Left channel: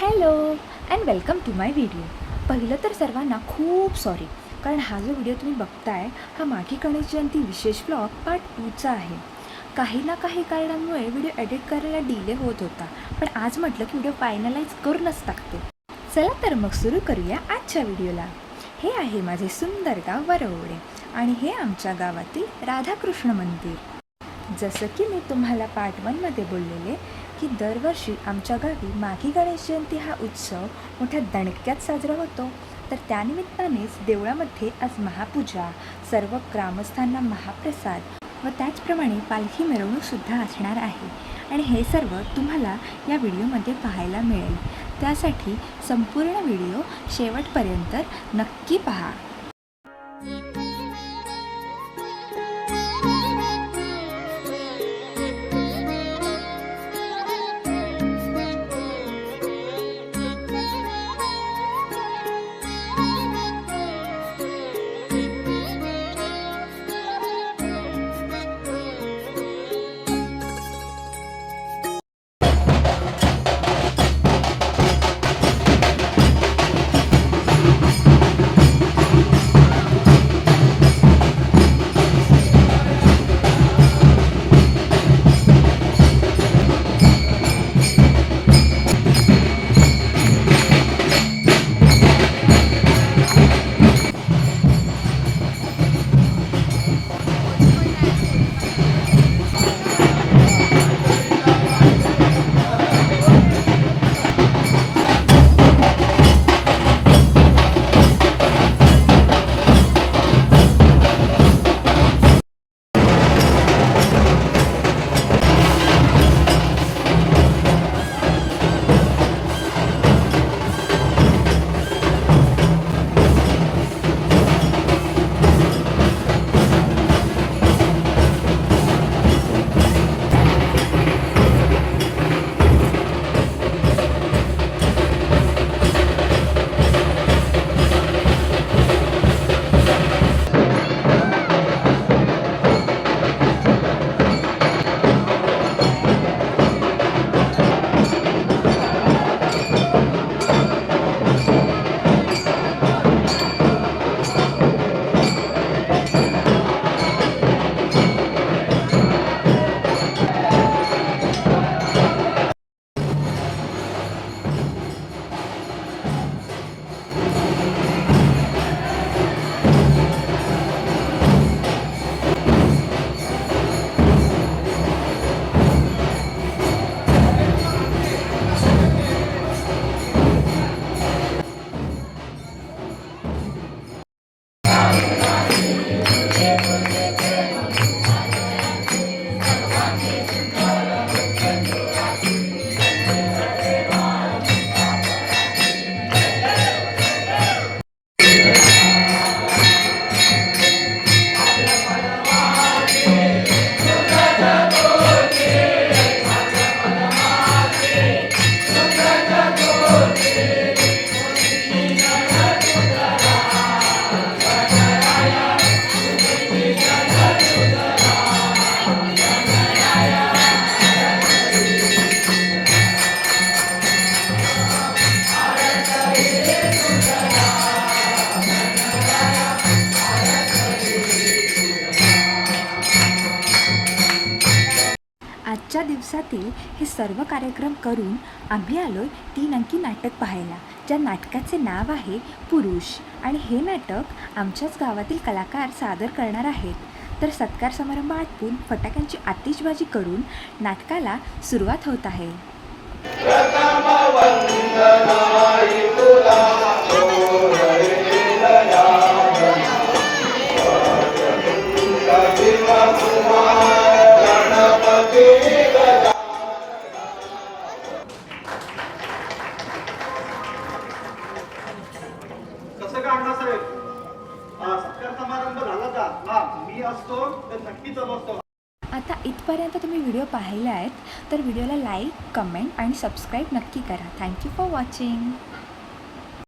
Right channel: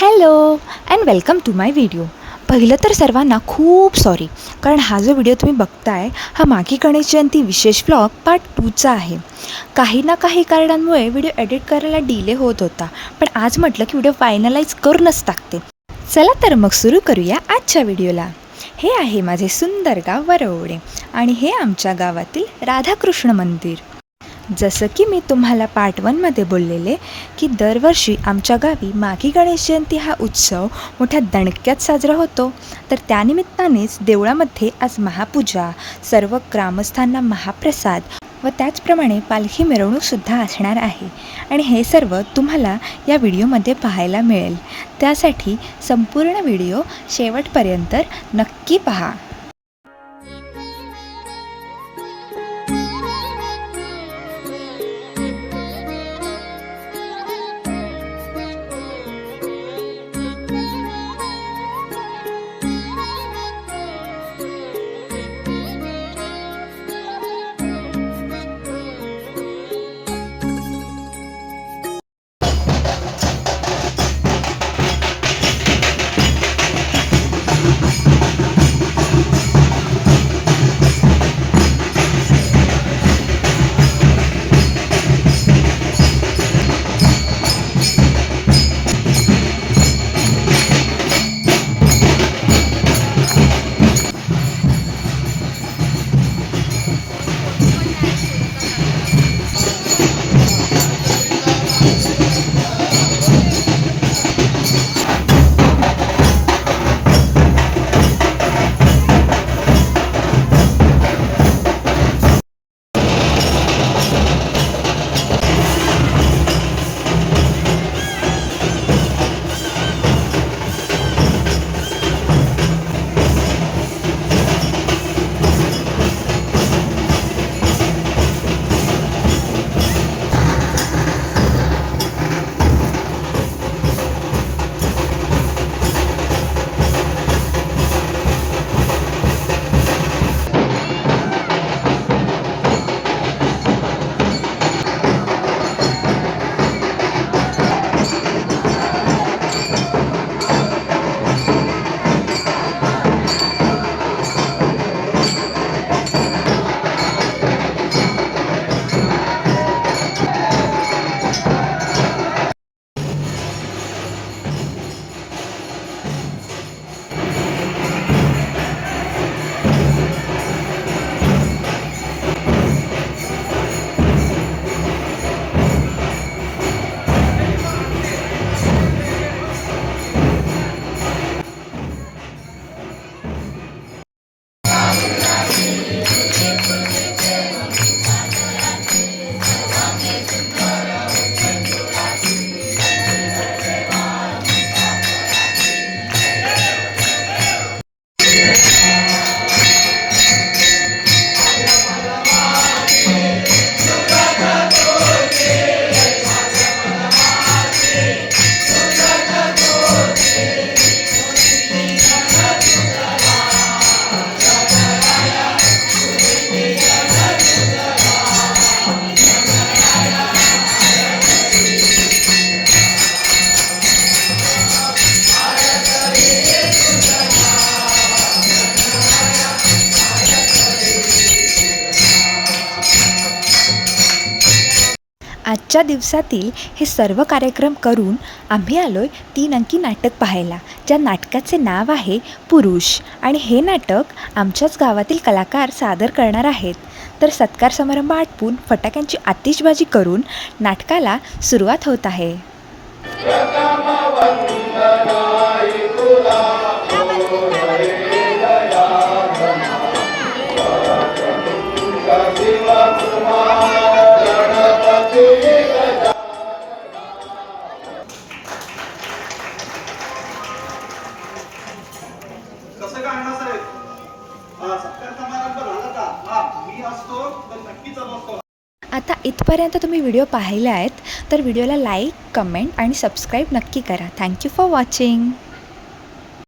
Hello and welcome to my video. पहिलं तर सर्वांना खूप सॉरी, कारण हा जो व्हिडिओ तुम्ही बघताय हा माघी गणेश जयंती विशेष व्लॉग पार्ट 2चा आहे. काही ना काही कारणांमुळे व्हिडिओ एडिट करायला डिले होत होता, पण आज म्हटलं की व्हिडिओ फायनलाइज करूनच टाकते. चला तर मग सुरू करूया आजच्या व्हिडिओला. हे आहे माझे सुंदर गाव वरवडे आणि हे आमच्या गावातील राधाकृष्ण मंदिर. जसं की मी तुम्हाला पार्ट 1मध्ये बोललेले की दरवर्षी आमच्या गावी माघी गणेश जयंती हा उत्सव मोठ्या दणक्यात साजरा होतो. तर त्यानिमित्तानेच देवळामध्ये आज महापूजा, सर्व ग्रामस्थांना महाप्रसाद व त्याचप्रमाणे पालखी मिरवणूकसुद्धा असणार आहे. आणि हे सर्व तुम्हाला या व्हिडिओमध्ये पाहायला मिळेल. त्यासाठी संपूर्ण व्हिडिओ शेवटपर्यंत नक्की पहा. आजच्या दिवसातील हे सर्व कार्यक्रम करून आम्ही आलोय 3 अंकी नाटक पाहायला, ज्या नाटकाचे नाव आहे पुरुष. आणि हे नाटक आमच्याच गावातील कलाकार सादर करणार आहेत. तर सत्कार समारंभ आटपून फटाक्यांची आतिषबाजी करून नाटकाला सुरुवात होत आहे. कसं का अण्णासाहेब, सत्कार समारंभ झाला का? मी असतो तर नक्कीच असतो. आता इथपर्यंत तुम्ही व्हिडिओ पाहिले आहेत, तर व्हिडिओला लाईक, कमेंट आणि सबस्क्राईब नक्की करा. Thank you for watching.